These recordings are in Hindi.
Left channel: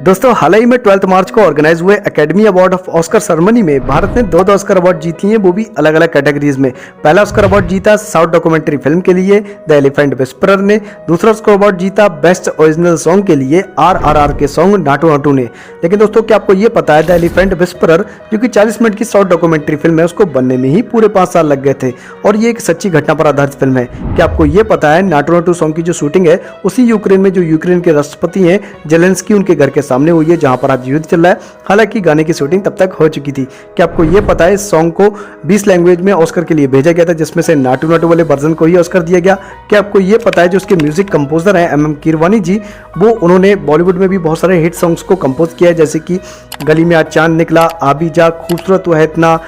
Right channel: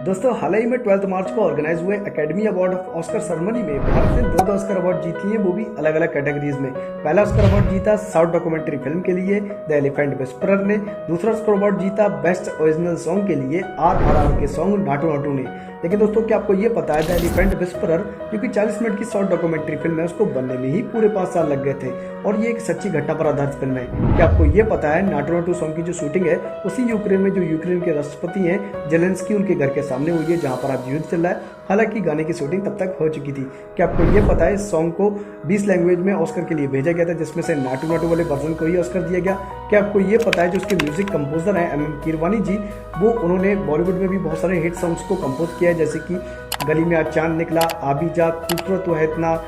दोस्तों हाल ही में 12 मार्च को ऑर्गेनाइज हुए academy award of Oscar ceremony में भारत ने दो ऑस्कर अवार्ड जीत लिए, वो भी अलग अलग कैटेगरीज में। पहला ऑस्कर अवार्ड जीता साउथ डॉक्यूमेंट्री फिल्म के लिए द एलिफेंट विस्परर ने। दूसरा ऑस्कर अवार्ड जीता बेस्ट ओरिजिनल सॉन्ग के लिए RRR के सॉन्ग नाटू नाटू ने। लेकिन दोस्तों क्या आपको ये पता है द एलिफेंट विस्परर जो कि 40 मिनट की साउथ डॉक्यूमेंट्री फिल्म है, उसको बनने में ही पूरे 5 साल लग गए थे और ये एक सच्ची घटना पर आधारित फिल्म है। क्या आपको ये पता है नाटू नाटू सॉन्ग की जो शूटिंग है उसी यूक्रेन में जो यूक्रेन के राष्ट्रपति हैं जेलेंस्की उनके घर के सामने हुई है, जहां पर आज युद्ध चल रहा है। हालांकि गाने की शूटिंग तब तक हो चुकी थी। क्या आपको ये पता है इस सॉन्ग को 20 लैंग्वेज में ऑस्कर के लिए भेजा गया था, जिसमें से नाटू नाटू वाले वर्जन को ही ऑस्कर दिया गया। क्या आपको ये पता है जो उसके म्यूजिक कंपोजर हैं MM कीरवानी जी, वो उन्होंने बॉलीवुड में भी बहुत सारे हिट सॉन्ग्स को कंपोज किया है, जैसे कि गली में आज चांद निकला, आबी जा, खूबसूरत है इतना,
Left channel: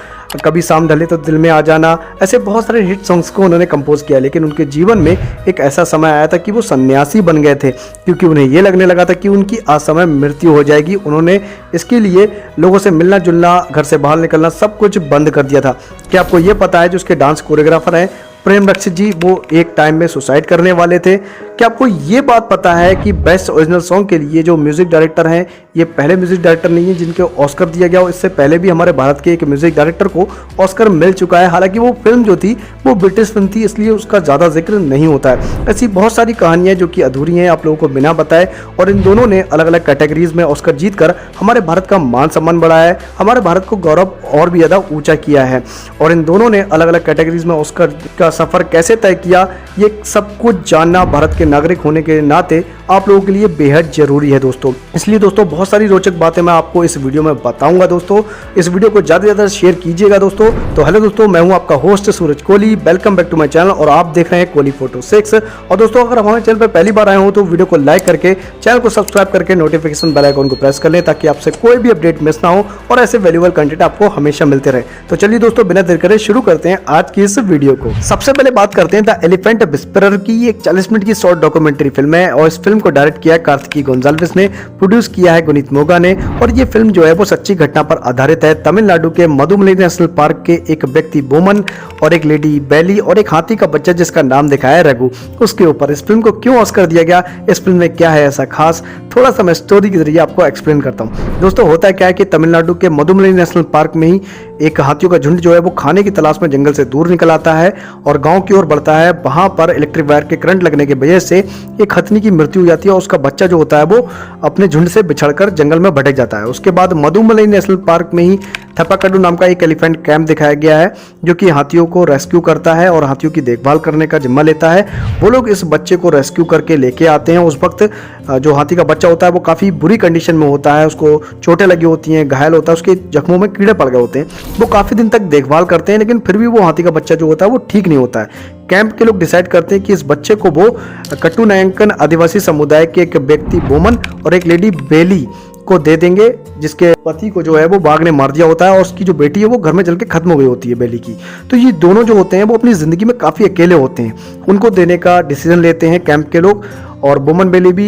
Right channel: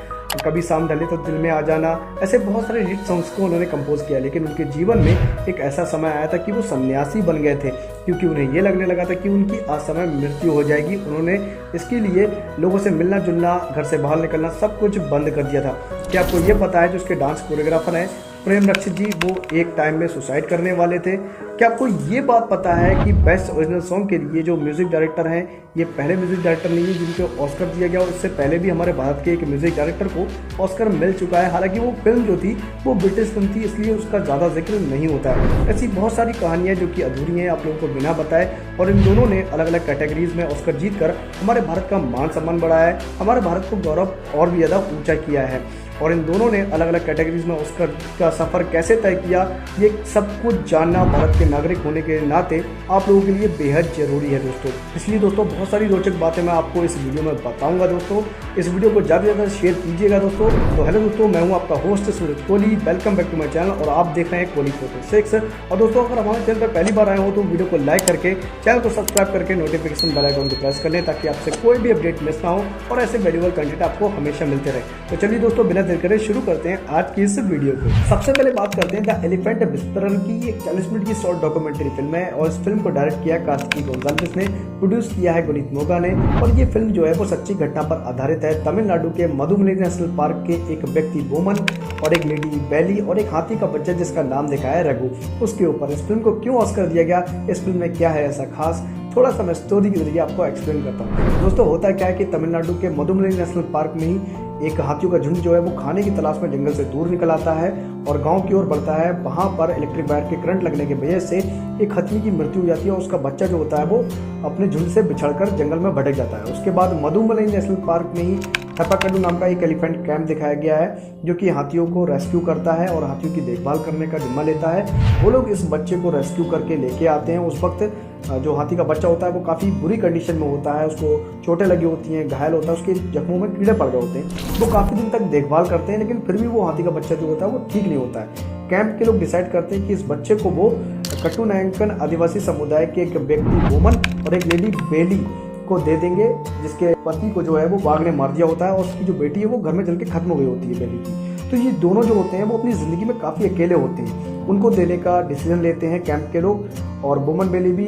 कभी शाम ढले तो दिल में आ जाना, ऐसे बहुत सारे हिट सॉन्ग्स को उन्होंने कंपोज किया। लेकिन उनके जीवन में एक ऐसा समय आया था कि वो सन्यासी बन गए थे, क्योंकि उन्हें ये लगने लगा था कि उनकी असमय मृत्यु हो जाएगी। उन्होंने इसके लिए लोगों से मिलना जुलना, घर से बाहर निकलना, सब कुछ बंद कर दिया था। क्या आपको ये पता है जो उसके डांस कोरियोग्राफर हैं प्रेम रक्षित जी, वो एक टाइम में सुसाइड करने वाले थे। क्या आपको ये बात पता है कि बेस्ट ओरिजिनल सॉन्ग के लिए जो म्यूजिक डायरेक्टर हैं ये पहले म्यूजिक डायरेक्टर नहीं है जिनको ऑस्कर दिया गया हो। इससे पहले भी हमारे भारत के एक म्यूजिक डायरेक्टर को ऑस्कर मिल चुका है। हालांकि वो फिल्म जो थी वो ब्रिटिश फिल्म थी, इसलिए उसका ज़्यादा जिक्र नहीं होता है। ऐसी बहुत सारी कहानियाँ जो कि अधूरी हैं आप लोगों को बिना बताए, और इन दोनों ने अलग अलग कैटेगरीज में ऑस्कर जीत कर हमारे भारत का मान सम्मान बढ़ाया है, हमारे भारत को गौरव और भी ज़्यादा ऊँचा किया है। और इन दोनों ने अलग अलग कैटेगरीज में ऑस्कर का सफ़र कैसे तय किया, ये सब कुछ जानना भारत के नागरिक होने के नाते आप लोगों के लिए बेहद जरूरी है दोस्तों। इसलिए दोस्तों बहुत सारी रोचक बातें मैं आपको इस वीडियो में बताऊंगा दोस्तों। इस वीडियो को ज़्यादा से ज़्यादा शेयर कीजिएगा दोस्तों। तो हेलो दोस्तों, मैं हूं आपका host Suraj Kohli, welcome back to my channel और आप देख रहे हैं कोहली फोटो 6। और दोस्तों अगर हमारे चैनल पर पहली बार आए हो तो वीडियो को लाइक करके चैनल को सब्सक्राइब करके नोटिफिकेशन बेल आइकन को प्रेस कर लें, ताकि आपसे कोई भी अपडेट मिस ना हो और ऐसे वैल्यूएबल कंटेंट आपको हमेशा मिलते रहे। तो चलिए दोस्तों बिना देर करे शुरू करते हैं आज की इस वीडियो को। सबसे पहले बात करते हैं द एलिफेंट विस्परर की। एक 40 मिनट की शॉर्ट डॉक्यूमेंट्री फिल्म है और इस फिल्म को डायरेक्ट किया कार्तिकी गोंजाल्विस ने, प्रोड्यूस किया है गुनीत मोगा ने। और ये फिल्म जो है वो सच्ची घटना पर आधारित है। तमिलनाडु के मधुमलाई नेशनल पार्क के एक व्यक्ति बोमन और एक लेडी बेली और एक हाथी का बच्चा जिसका नाम दिखाया है रघु, उसके ऊपर इस फिल्म को क्यों ऑस्कर दिया गया, इस फिल्म में क्या है ऐसा खास, थोड़ा सा मैं स्टोरी के जरिए आपको एक्सप्लेन करता हूँ। दोस्तों होता है क्या है कि तमिलनाडु के मधुमलाई नेशनल पार्क में ही एक हाथियों का झुंड जो है वो खाने की तलाश में जंगल से दूर निकल आता है और गांव की ओर बढ़ता है। वहां पर इलेक्ट्रिक वायर के करंट लगने की वजह से एक हथनी की मृत्यु हो जाती है और उसका बच्चा जो होता है वो अपने झुंड से बिछड़कर जंगल में भटक जाता है। उसके बाद मधुमलाई नेशनल पार्क में ही थपाकड्डू नाम का एक एलिफेंट कैंप दिखाया गया है जो कि हाथियों को रेस्क्यू करता है और हाथियों की देखभाल करने का जिम्मा लेता है। वो लोग इस बच्चे को रेस्क्यू करके लेके आते हैं। उस वक्त जो हाथी का बच्चा होता है वो काफ़ी बुरी कंडीशन में होता है, उसको चोटें लगी होती हैं, घायल होता है, उसके जख्मों में कीड़े पड़ गए होते हैं। वो काफ़ी दिन तक देखभाल करते हैं लेकिन फिर भी वो हाथी का बच्चा जो होता है वो ठीक नहीं होता है। कैंप के लोग डिसाइड करते हैं कि इस बच्चे को वो कट्टू नायंकन आदिवासी समुदाय के एक व्यक्ति बोमन और एक लेडी बेली को दे देंगे, जिसके पति को जो है वो बाघ ने मार दिया होता है और उसकी जो बेटी है वो घर में जल के खत्म हो गई होती है बेली की। तो ये दोनों जो होते हैं वो अपनी जिंदगी में काफी अकेले होते हैं, उनको देने का डिसीजन लेते हैं कैंप के लोग और बोमन बेली भी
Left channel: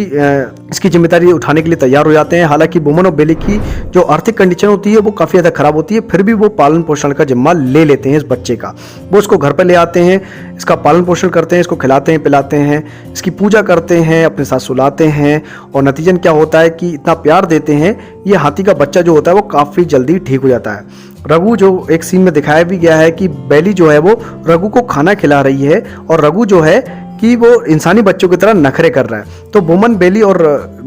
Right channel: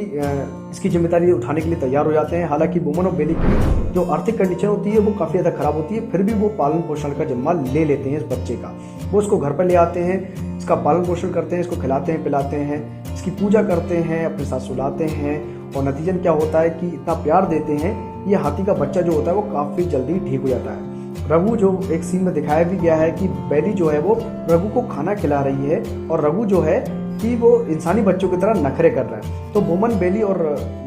इसकी जिम्मेदारी उठाने के लिए तैयार हो जाते हैं। हालांकि बोमन और बेली की जो आर्थिक कंडीशन होती है वो काफ़ी ज़्यादा खराब होती है, फिर भी वो पालन पोषण का जिम्मा ले लेते हैं इस बच्चे का। वो इसको घर पर ले आते हैं, इसका पालन पोषण करते हैं, इसको खिलाते हैं पिलाते हैं, इसकी पूजा करते हैं, अपने साथ सुलाते हैं और नतीजन क्या होता है कि इतना प्यार देते हैं ये हाथी का बच्चा जो होता है वो काफ़ी जल्दी ठीक हो जाता है। रघु जो एक सीन में दिखाया भी गया है कि बेली जो है वो रघु को खाना खिला रही है और रघु जो है कि वो इंसानी बच्चों की तरह नखरे कर रहा है। तो बोमन बेली और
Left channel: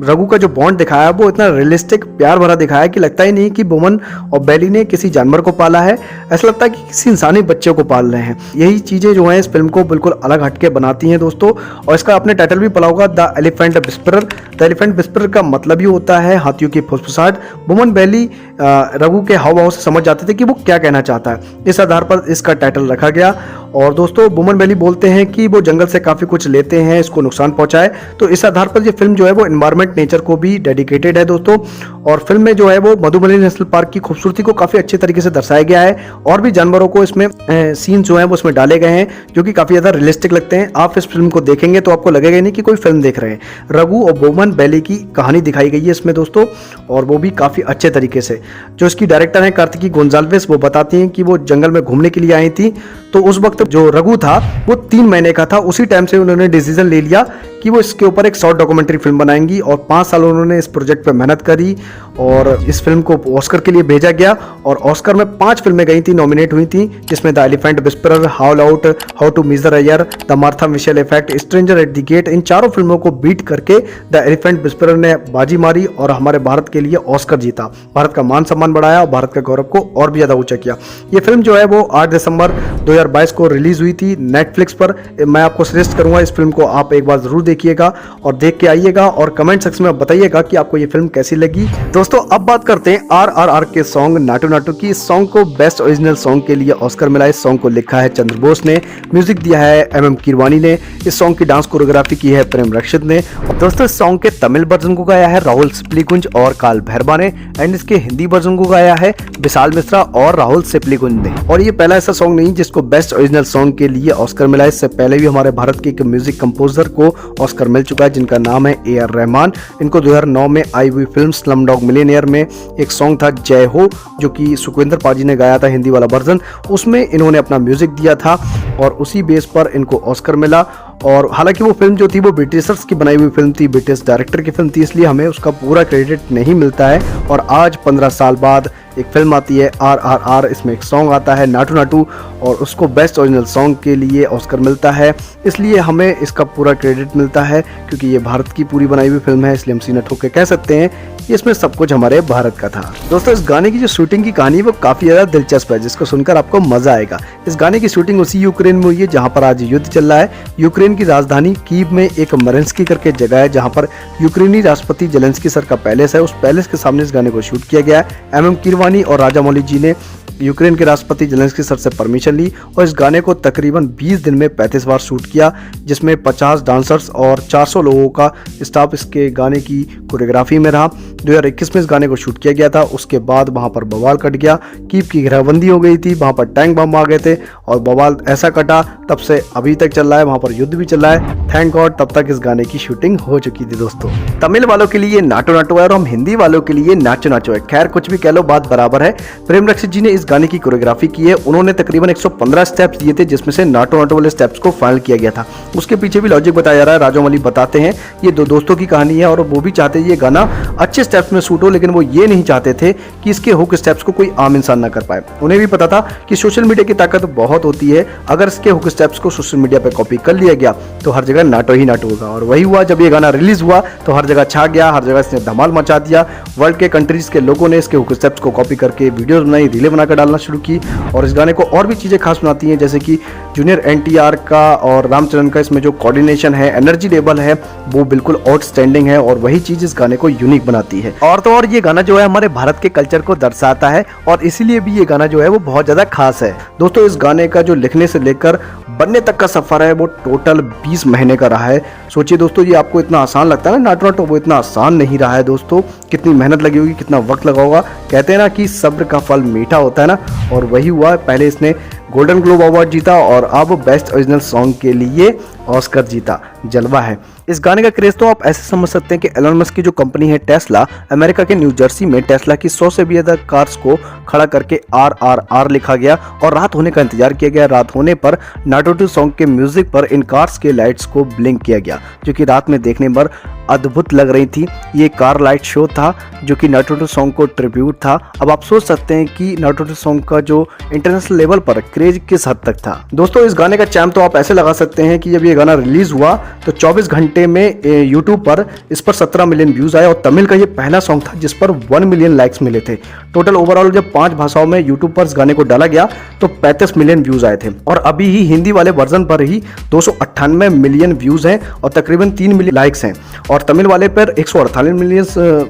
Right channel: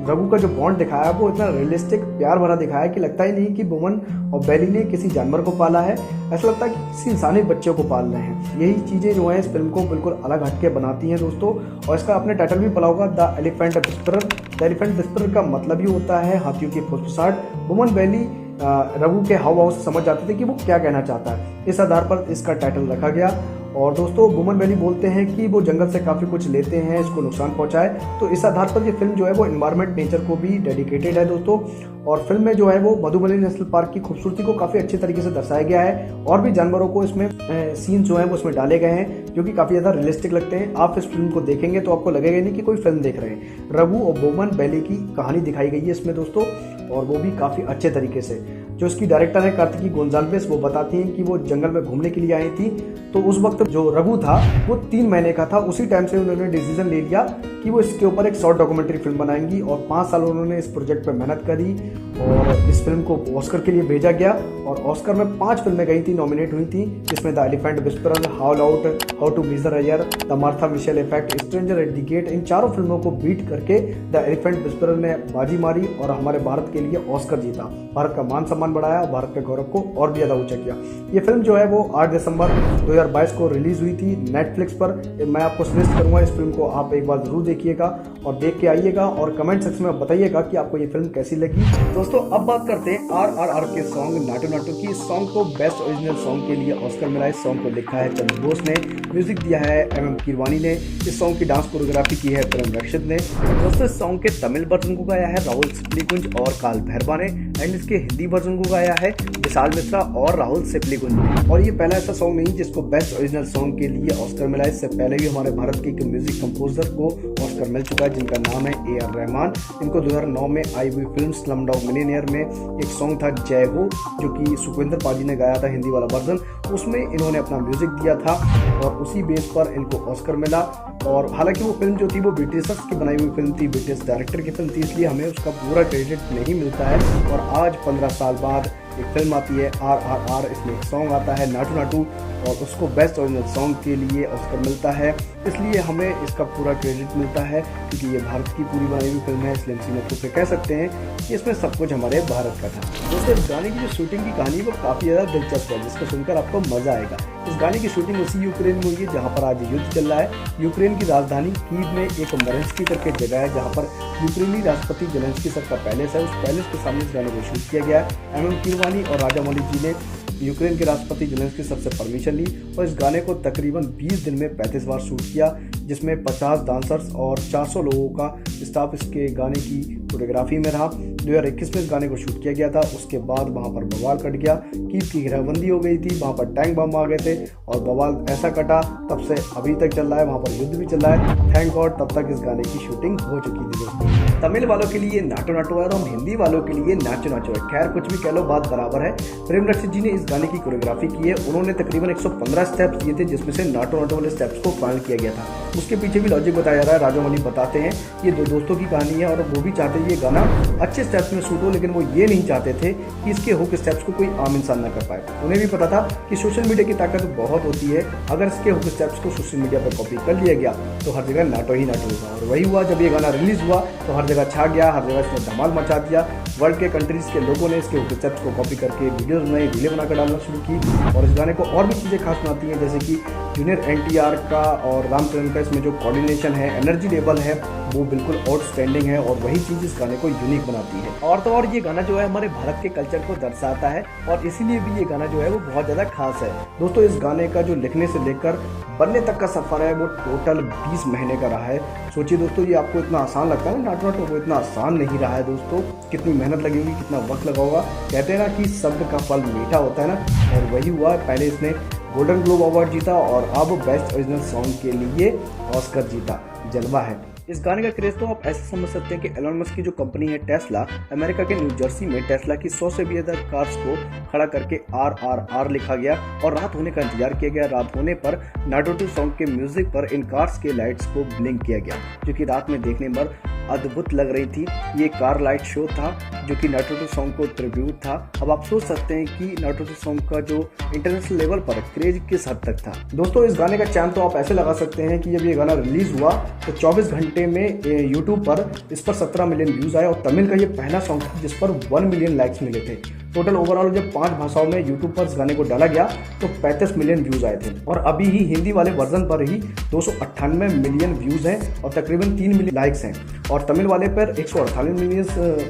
रघु का जो बॉन्ड दिखाया है वो इतना रियलिस्टिक प्यार भरा दिखाया है कि लगता ही नहीं कि बोमन और बेली ने किसी जानवर को पाला है, ऐसा लगता है कि किसी इंसानी बच्चे को पाल रहे हैं। यही चीज़ें जो हैं इस फिल्म को बिल्कुल अलग हटके बनाती हैं दोस्तों। और इसका आपने टाइटल भी पढ़ा होगा the elephant whisperer. The elephant whisperer का मतलब ही होता है हाथियों की फुसफुसाहट। बोमन बेली रघु के हाव भाव से समझ जाते थे कि वो क्या कहना चाहता है, इस आधार पर इसका टाइटल रखा गया। और दोस्तों बोमन बेली बोलते हैं कि वो जंगल से काफ़ी कुछ लेते हैं, इसको नुकसान पहुंचाए, तो इस आधार पर ये फिल्म जो है वो एनवायरमेंट नेचर को भी डेडिकेटेड है दोस्तों। और फिल्म में जो है वो मधुमलाई नेशनल पार्क की खूबसूरती को काफ़ी अच्छे तरीके से दर्शाया गया है और भी जानवरों को इसमें सीन जो है वो उसमें डाले गए हैं जो कि काफ़ी ज़्यादा रियलिस्टिक लगते हैं। आप इस फिल्म को देखेंगे तो आपको लगेगा नहीं कि कोई फिल्म देख रहे हैं। रघु और बोमन बेली की कहानी दिखाई गई है इसमें दोस्तों, और वो भी काफ़ी अच्छे तरीके से। जो इसकी डायरेक्टर हैं कार्तिकी गोंजाल्वेस, वो बताती हैं कि वो जंगल में घूमने के लिए आई थी, तो उस वक्त जो रघु था वो 3 महीने का था। उसी टाइम से उन्होंने डिसीजन ले लिया कि वो इसके ऊपर एक शॉर्ट डॉक्यूमेंट्री फिल्म बनाएंगी और 5 साल उन्होंने इस प्रोजेक्ट पे मेहनत करी और इस फिल्म को ऑस्कर के लिए भेजा गया और ऑस्कर में 5 फिल्में गई थी, नॉमिनेट हुई थी, जिसमें the elephant whisperer, haulout, how to miss the year, the Martha Mitchell effect, stranger at the gate, इन चारों फिल्मों को बीट करके द एलिफेंट विस्परर ने बाजी मारी और हमारे भारत के लिए ऑस्कर जीता, भारत का मान सम्मान बढ़ाया और भारत के गौरव को और भी ज्यादा ऊंचा किया। ये फिल्म जो है वो 8 दिसंबर 2022 को रिलीज हुई थी नेटफ्लिक्स पर। मैं आपको सजेस्ट करूंगा इस फिल्म को आप एक बार जरूर देखिएगा और देख के आइएगा और कमेंट सेक्शन में बताइएगा कि आपको ये फिल्म कैसी लगी। दोस्तों अब बात करते हैं RRR के सॉन्ग नाटू नाटू की। इस सॉन्ग को बेस्ट ओरिजिनल सॉन्ग के लिए ऑस्कर मिला। इस सॉन्ग को लिखा है चंद्र बोस ने, म्यूजिक दिया है MM कीरवानी ने, इस सॉन्ग की डांस कोरियोग्राफी की है प्रेम रक्षित ने। और दोस्तों इस सॉन्ग के तमिल वर्जन को गाया है राहुल सिप्लीगुंज और काल भैरवा ने एंड इसके हिंदी वर्जन को गाया है विशाल मिश्रा और राहुल सिप्लीगुंज ने। और ये पहला ऐसा सॉन्ग नहीं जिसको बेस्ट ओरिजिनल सॉन्ग के लिए ऑस्कर मिला। इससे पहले भी हमारे भारत के एक म्यूजिक कंपोजर को ऑस्कर मिल चुका है जिनका नाम है AR रहमान। इनको 2009 में आई हुई फिल्म स्लमडॉग मिलियनेयर में एक सॉन्ग था जय हो, जो कि सुखविंदर पाजी ने गाया था हिंदी वाला वर्जन, उसमें इन्होंने अपना म्यूजिक दिया था और उसी बेस पर इनको ऑस्कर मिला। और हालांकि वो फिल्म जो थी वो ब्रिटिशर्स की बनाई हुई फिल्म थी, ब्रिटिश डायरेक्टर की फिल्म थी, इसलिए हमें उसका पूरा क्रेडिट नहीं मिलता है। और आज 15 साल बाद एक फिल्म आती है RRR, इसमें एक सॉन्ग आता है नाटू नाटू और उसको बेस्ट ओरिजिनल सॉन्ग के लिए ऑस्कर मिलता है, इसलिए हमें इसका पूरा क्रेडिट मिलता है क्योंकि ये भारत की पूरी बनाई हुई फिल्म है। इसलिए हम सीना ठोक के कह सकते हैं कि इसमें सब कुछ हमारे भारत का था। दोस्तों इस गाने की जो शूटिंग की कहानी है वो काफी ज्यादा दिलचस्प है, जिसको सुनकर आपको मजा आएगा। इस गाने की शूटिंग उसी यूक्रेन में हुई है जहाँ पर आज युद्ध चल रहा है। यूक्रेन की राजधानी कीव में एक मरेंस्की करके जगह है जहाँ पर यूक्रेनी राष्ट्रपति जेलेंस्की सर का पैलेस है। उस पैलेस के सामने इस गाने को शूट किया गया है। MM कीरवानी और राजामौली जी ने यूक्रेन के राष्ट्रपति जेलेंस्की सर से परमिशन ली और इस गाने को तकरीबन 20 दिन में 35 बार शूट किया, जिसमें 50 डांसर्स और 400 लोगों का स्टाफ इसके गाने की कोरियोग्राफी में रहा। 2021 में इस गाने को शूट किया गया था। उसके बाद वहां पर बवाल कट गया, कीव की घेराबंदी हो गई थी, वहां पर टैंक बम आ गए थे और बवाल ऐसा कटा, तब से अभी तक चल रहा है, वहां पर युद्ध भी चल रहा है। थैंक गॉड तब तक इस गाने की शूटिंग हो चुकी थी। दोस्तों तमिल वालों के लिए नाटो नाटो है और हम हिंदी वालों के लिए नाचो नाचो है। खैर कुछ भी कह लो, बात बराबर है। प्रेम रक्षित जी ने इस गाने की कोरियोग्राफी की है। उन्होंने तकरीबन 115 स्टेप्स दिए थे, जिसमें से नाटो नाटो वाले स्टेप्स को फाइनल किया गया था। उसके पीछे भी लॉजिक बताया जा रहा है। राजामौली बताते हैं ये दो दोस्तों की कहानी है और वो भी चाहते ये गाना अच्छे स्टेप्स में शूट हो, लेकिन वो ये नहीं चाहते थे कि इसके हुक स्टेप्स को कोई आम इंसान ना कर पाए। उन्हें भी पता था कि सोशल मीडिया की ताकत बहुत होती है, अगर इसके हुक स्टेप्स को सोशल मीडिया पे कॉपी कर लिया गया तो हर जगह नाटो ही नाटो होगा। और वही हुआ, जब ये गाना रिलीज हुआ तो हर जगह छा गया, हर जगह इसने धमाल मचा दिया। वर्ल्ड के कंट्रीज के लोगों ने इसके हुक स्टेप्स को कॉपी करके वीडियोस बनाई, रीलें बनाकर डालना शुरू की और इस गाने को और भी चीजें खास बनाती हैं, जैसे कि जूनियर NTR का और रामचरण का इसमें जो कोऑर्डिनेशन है, एनर्जी लेवल है, वो बिल्कुल आउटस्टैंडिंग है और वही चीज इस गाने को यूनिक बनाती है। और तो और ये गाना जो है हमारे भारत के कल्चर को दर्शाता है और इसीलिए भी ये गाना जो है वो बहुत ज्यादा खास है। दोस्तों इस गाने का जो लिखने से लेकर बनने तक का सफर है वो टोटल 20 महीने का रहा है। सोचिए दोस्तों, ये आपको इतना आसान लगता है ना नाटो नाटो, वो इतना आसान नहीं रहा है दोस्तों। कितनी मेहनत लगी होगी, कितना वक्त लगा होगा। कहते हैं ना कि सब्र का फल मीठा होता है ना, और वही हुआ। पहले इसने गोल्डन ग्लोब अवार्ड जीता और अब बेस्ट ओरिजिनल सॉन्ग के लिए ऑस्कर जीता। जलवा है। इस गाने का क्रेज तो आप ऐसे समझ सकते हैं कि एलन मस्क की जो कंपनी है टेस्ला, अमेरिका के न्यू जर्सी में टेस्ला की 100 से भी ज्यादा कार्स को खड़ा करके RRR लिखा गया और रात होने का इंतजार किया गया। रात होने पर नाटो नाटो सॉन्ग के म्यूजिक पर इन कार्स के लाइट्स को ब्लिंक किया गया, जो कि रात में देखने पर अद्भुत लग रही थी। ये कार लाइट शो था जो कि नाटो नाटो सॉन्ग को ट्रिब्यूट था। अब आप सोच सकते हैं कि नाटो नाटो सॉन्ग का जो इंटरनेशनल लेवल पर क्रेज किस हद तक था। दोस्तों इस गाने का चैम्प तो आप ऐसे लगा सकते हैं कि जब ये गाना रिलीज हुआ तो 24 घंटे में यूट्यूब पर इस पर 17 मिलियन व्यूज आए और तमिल का ये पहला सॉन्ग था जिस पर 1 मिलियन लाइक्स मिले थे। टोटल ओवरऑल जब 5 भाषाओं में यूट्यूब पर इस गाने को डाला गया तो 35 मिलियन व्यूज आए थे और अभी ही हिंदी वाले वर्जन पर ही 298 मिलियन व्यूज हैं और तकरीबन 3 मिलियन लाइक्स हैं और तमिल वाले पर 148 मिलियन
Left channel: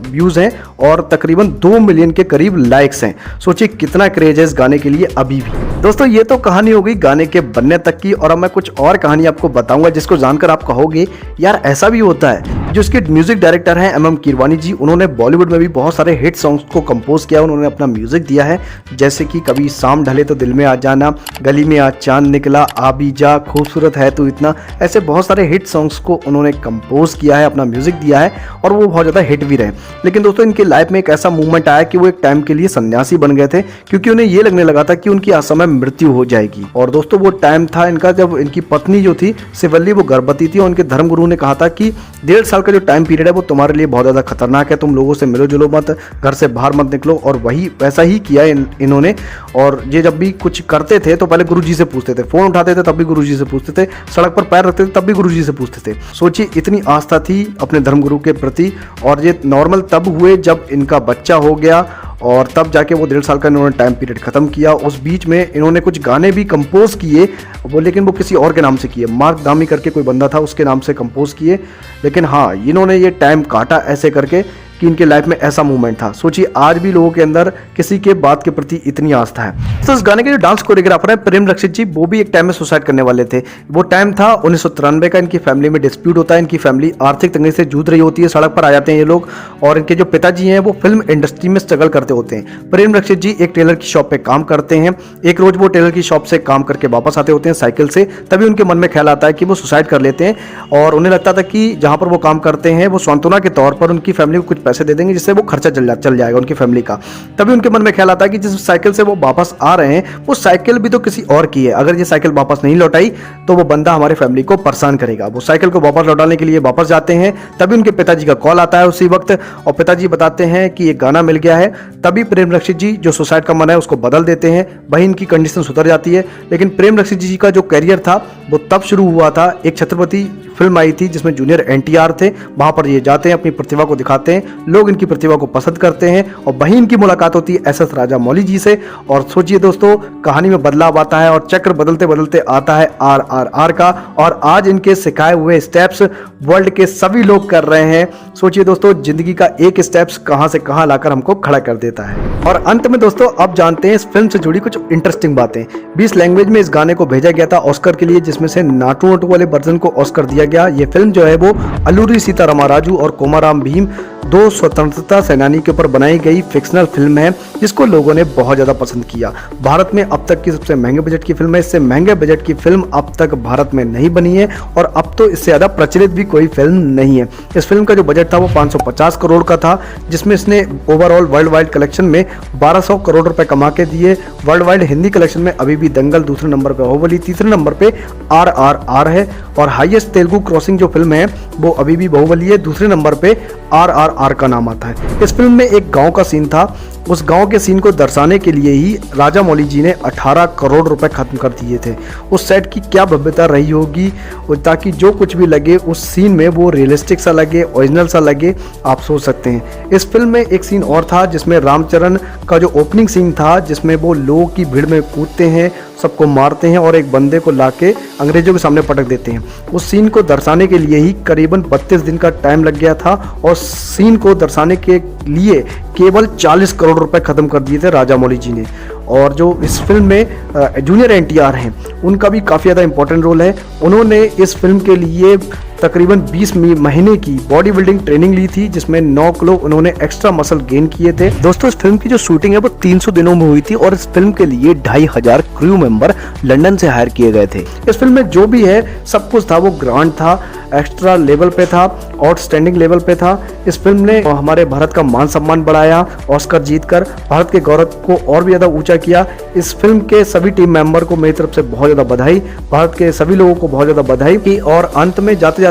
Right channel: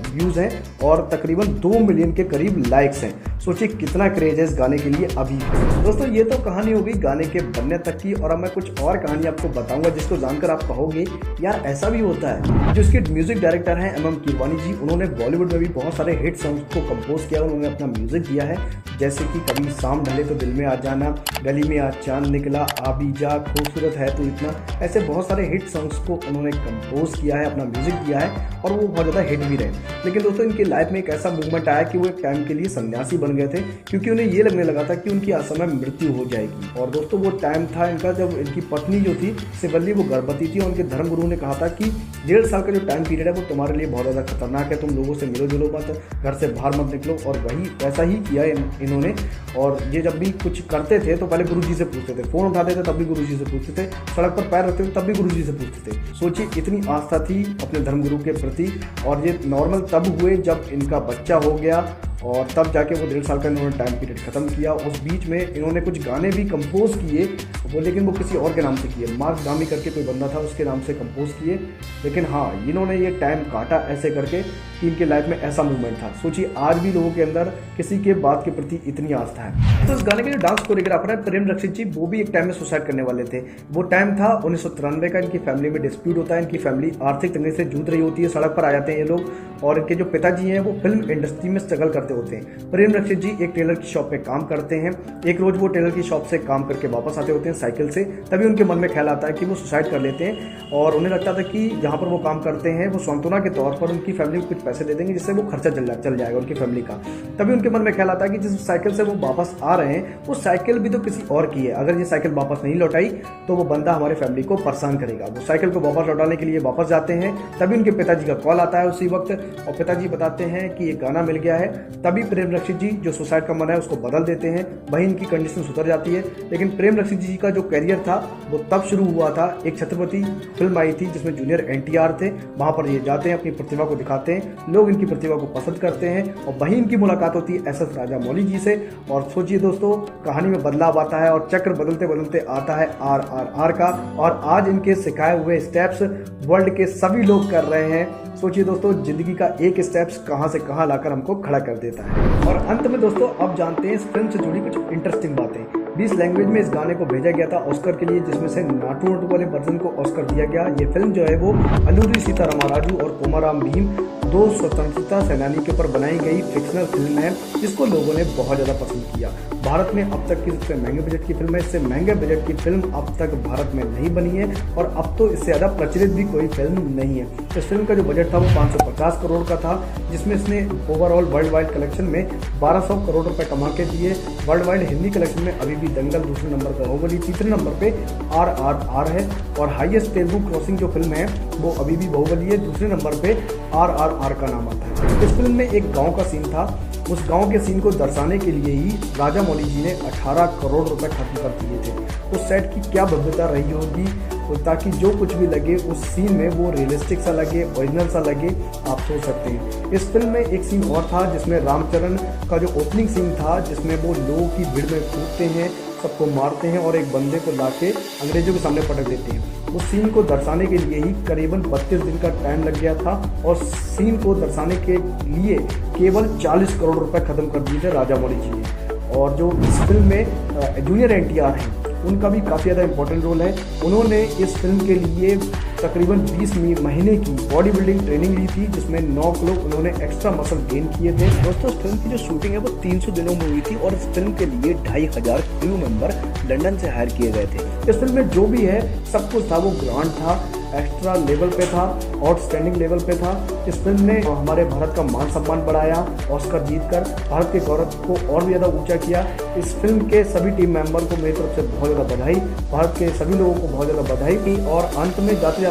व्यूज हैं और तकरीबन 2 मिलियन के करीब लाइक्स हैं। सोचिए कितना क्रेज है इस गाने के लिए अभी भी। दोस्तों ये तो कहानी हो गई गाने के बनने तक की और अब मैं कुछ और कहानी आपको बताऊंगा जिसको जानकर आप कहोगे यार ऐसा भी होता है। जो इसके म्यूजिक डायरेक्टर हैं MM कीरवानी जी, उन्होंने बॉलीवुड में भी बहुत सारे हिट सॉन्ग्स को कंपोज किया, उन्होंने अपना म्यूजिक दिया है, जैसे कि कभी शाम ढले तो दिल में आ जाना, गली में आज चांद निकला, आ भी जा, खूबसूरत है तू इतना, ऐसे बहुत सारे हिट सॉन्ग्स को उन्होंने कंपोज किया है, अपना म्यूजिक दिया है और वो बहुत ज़्यादा हिट भी रहे। लेकिन दोस्तों इनकी लाइफ में एक ऐसा मूवमेंट आया कि वो एक टाइम के लिए सन्यासी बन गए थे, क्योंकि उन्हें ये लगने लगा था कि उनकी असमय मृत्यु हो जाएगी। और दोस्तों वो टाइम था इनका जब इनकी पत्नी जो थी शिवल्ली वो गर्भवती थी और उनके धर्मगुरु ने कहा था कि 1.5 साल का जो टाइम पीरियड है वो तुम्हारे लिए बहुत ज़्यादा खतरनाक है, तुम लोगों से मिलो जुलो मत, घर से बाहर मत निकलो। और वही वैसा ही किया इन्होंने। और ये जब भी कुछ करते थे तो पहले गुरुजी से पूछते थे, फोन उठाते थे तब भी गुरुजी से पूछते थे, सड़क पर पैर रखते थे तब भी गुरुजी से पूछते थे। सोचिए इतनी आस्था थी अपने धर्मगुरु के प्रति। और ये नॉर्मल तब हुए जब इनका बच्चा हो गया और तब जाके वो 1.5 साल का इन्होंने टाइम पीरियड खत्म किया। उस बीच में इन्होंने कुछ गाने भी कंपोज किए वो, लेकिन वो किसी और के नाम से किए, मार्क दामी करके कोई बंदा था उसके नाम से कंपोज किए। लेकिन हाँ इन्होंने ये टाइम काटा ऐसे करके कि इनके लाइफ में ऐसा मूवमेंट था। सोचिए आज भी लोगों के अंदर किसी के बात के प्रति इतनी आस्था है। तो इस गाने के जो डांस कोरियोग्राफर है प्रेम रक्षित जी, वो भी एक टाइम में सुसाइड करने वाले थे। वो टाइम था 1993 का। इनकी फैमिली में डिस्प्यूट होता है, इनकी फैमिली आर्थिक तंगी से जूझ रही होती है, सड़क पर आ जाते हैं ये लोग। और इनके जो पिताजी हैं वो फिल्म इंडस्ट्री में स्ट्रगल करते होते हैं। प्रेम रक्षित जी एक टेलर की शॉप पे काम करते हैं। एक रोज वो टेलर की शॉप से काम करके वापस आते होते हैं साइकिल से, तभी उनके मन में ख्याल आता है कि वो सुसाइड कर लेते हैं। और उन्हें लगता था कि जहां पर वो काम करते हैं वो सांत्वना के तौर पर उनकी फैमिली को कुछ पैसे दे देंगे जिससे वो खर्चा चल जाएगा उनकी फैमिली का। तभी उनके मन में ख्याल आता है कि जिस साइकिल से वो वापस आ रहे हैं वो साइकिल भी तो किसी और की है, अगर ये साइकिल वापस नहीं लौटाई तो वो बंदा हमारी फैमिली को परेशान करेगा। वो साइकिल को वापस लौटाने के लिए वापस जाते हैं, तभी उनके पिताजी का कॉल आता है उसी वक्त और पिताजी बताते हैं कि एक गाना मिल गया है। तभी प्रेम रक्षित जी जो सुसाइड का मन है उसको बदल देते हैं, वही इनकी कंडीशन सुधर जाती है। लेकिन प्रेम रक्षित जी का जो कैरियर था वो तब शुरू हुआ था, एक छत्रपति फिल्म आई थी जिसमें जूनियर NTR थे, वहां पर ये जाते हैं अपनी प्रतिभा को दिखाते हैं, लोग इनकी प्रतिभा को पसंद करते हैं और वहीं इनकी मुलाकात होती है SS राजामौली जी से। और सोचिए दोस्तों कहानी में बदलाव आता है और चक्र बदलते बदलते आता है RRR का। और आज इनके सिखाए हुए स्टेप्स वर्ल्ड के सभी लोग कर रहे हैं। सोचिए दोस्तों जिंदगी का एक स्टेप्स कहां से कहां लाकर हमको खड़ा कर देता है। और अंत में दोस्तों अब जानते हैं इस फिल्म से जुड़ी कुछ इंटरेस्टिंग बातें। 20 लैंग्वेज में इस गाने को भेजा गया था ऑस्कर के लिए, जिसमें से नाटू नटू वाले वर्जन को ऑस्कर दिया गया। ये फिल्म जो है वो अल्लूरी सीतारामराजू और कोमाराम भीम, 2 स्वतंत्रता सेनानी के ऊपर बनाई गई फिक्शनल फिल्म है, जिसको लोगों ने बहुत ज़्यादा पसंद किया। भारत में अब तक की सबसे महंगे बजट की फिल्म है। इससे महंगे बजट की फिल्म अब तक भारत में नहीं बनी है और अब तो इससे ज़्यादा प्रचलित भी कोई फिल्म नहीं है। इस फिल्म का जो बजट था वो 550 करोड़ का था, जिसमें इसने ओवरऑल वर्ल्ड वाइड कलेक्शन में 1200 करोड़ रुपए कमा के दिए। वर्ल्ड वाइड हिंदी कलेक्शन में अभी भी दंगल दूसरे नंबर पे, बाहुबली तीसरे नंबर पे RRR है और हाईएस्ट तेलुगु क्रॉसिंग जो फिल्म है वो अभी भी बाहुबली है, दूसरे नंबर पे RRR का नाम आता है। इस फिल्म में एक गांव का सीन था, उस गांव के सीन को दर्शाने के लिए ही राजामौली जी ने 18 करोड़ रुपए खत्म कर दिए थे। उस सेट की क्या भव्यता रही होगी ताकि जो कुछ भी लगे उस सीन में वो रियलिस्टिक सा लगे, ओरिजिनल सा लगे, आप सोच सकते हैं। इस फिल्म में एक सीन और था जिसमें रामचरण का जो ओपनिंग सीन था, जिसमें वो लोगों की भीड़ में कूदते हैं, सबको मारते हैं और एक बंदे को लाके अंग्रेजों के सामने पटक देते हैं। उस सीन को दर्शाने के लिए ही करीबन 32 दिन का टाइम लग गया था और सीन को दर्शाने के लिए केवल 40 करोड़ रुपए खत्म कर दिए थे राजामौली जी ने। और जो इस फिल्म में जूनियर NTR हैं उनका भी काफ़ी ज़्यादा इंपॉर्टेंट रोल है। उन्होंने इस फिल्म के लिए तकरीबन 20 महीने की बॉडी बिल्डिंग ट्रेनिंग ली थी, जिसमें 9 किलो उन्होंने एक्स्ट्रा मसल गेन किए थे। दोस्तों इस फिल्म की जो शूटिंग है वो 300 दिनों में हुई थी और इस फिल्म के लिए 2500 क्रू मेंबर लंदन से हायर किए गए थे। इस फिल्म में जो भी है सब कुछ था वो ग्रांड था, एक्स्ट्रा लेवल पे था, आउटस्टैंडिंग लेवल पे था। इस फिल्म ने हमारे भारत का मान सम्मान बढ़ाया, ऑस्कर जीतकर भारत के गौरव को और भी ज़्यादा ऊंचा किया। इस फिल्म के सभी टीम मेंबर को मेरी तरफ से बहुत ज़्यादा बधाई, भारत के सभी लोगों को बहुत ज़्यादा बधाई की। और अंत में जाते जाते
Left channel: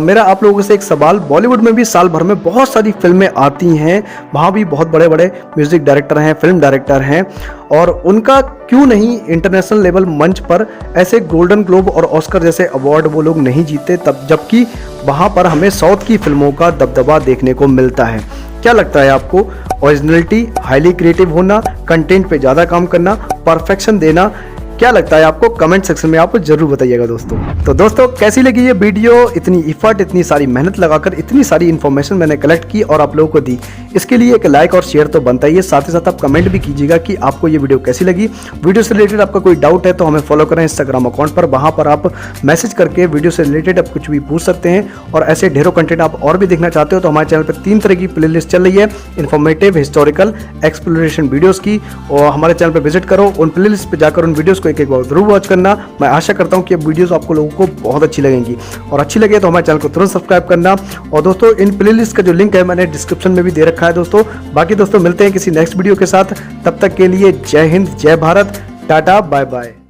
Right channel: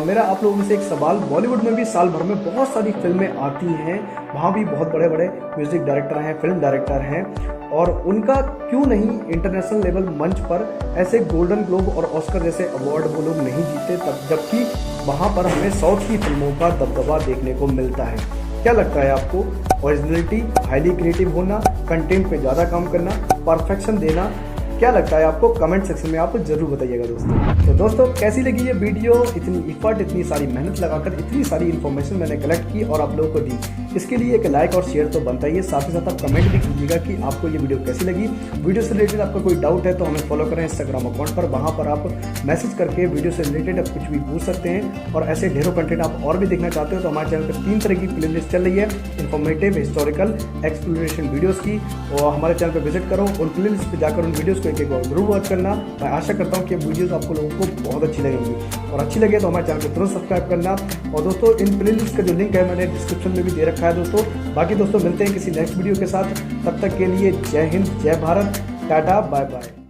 मेरा आप लोगों से एक सवाल, बॉलीवुड में भी साल भर में बहुत सारी फिल्में आती हैं, वहाँ भी बहुत बड़े बड़े म्यूजिक डायरेक्टर हैं, फिल्म डायरेक्टर हैं, और उनका क्यों नहीं इंटरनेशनल लेवल मंच पर ऐसे गोल्डन ग्लोब और ऑस्कर जैसे अवार्ड वो लोग नहीं जीते, तब जबकि वहाँ पर हमें साउथ की फिल्मों का दबदबा देखने को मिलता है। क्या लगता है आपको? ओरिजिनलिटी, हाईली क्रिएटिव होना, कंटेंट पे ज़्यादा काम करना, परफेक्शन देना, क्या लगता है आपको, कमेंट सेक्शन में आप जरूर बताइएगा दोस्तों। तो दोस्तों कैसी लगी ये वीडियो, इतनी इफर्ट, इतनी सारी मेहनत लगाकर इतनी सारी इन्फॉर्मेशन मैंने कलेक्ट की और आप लोगों को दी, इसके लिए एक लाइक और शेयर तो बनता ही है। साथ ही साथ आप कमेंट भी कीजिएगा कि आपको ये वीडियो कैसी लगी। वीडियो से रिलेटेड आपका कोई डाउट है तो हमें फॉलो करें इंस्टाग्राम अकाउंट पर, वहां पर आप मैसेज करके वीडियो से रिलेटेड आप कुछ भी पूछ सकते हैं। और ऐसे ढेरों कंटेंट आप और भी देखना चाहते हो तो हमारे चैनल पर 3 तरह की प्लेलिस्ट चल रही है, इन्फॉर्मेटिव, हिस्टोरिकल, एक्सप्लोरेशन वीडियोस की। और हमारे चैनल पर विजिट करो, उन प्लेलिस्ट पे जाकर उन वीडियोस को एक बार जरूर वॉच करना। मैं आशा करता हूं कि ये वीडियोस आपको लोगों को बहुत अच्छी लगेंगी, और अच्छी लगे तो हमारे चैनल को तुरंत सब्सक्राइब करना। और दोस्तों इन प्लेलिस्ट का जो लिंक है मैंने डिस्क्रिप्शन में भी दे रखा है दोस्तों। बाकी दोस्तों मिलते हैं किसी नेक्स्ट वीडियो के साथ, तब तक के लिए जय हिंद, जय भारत, टाटा, बाय बाय।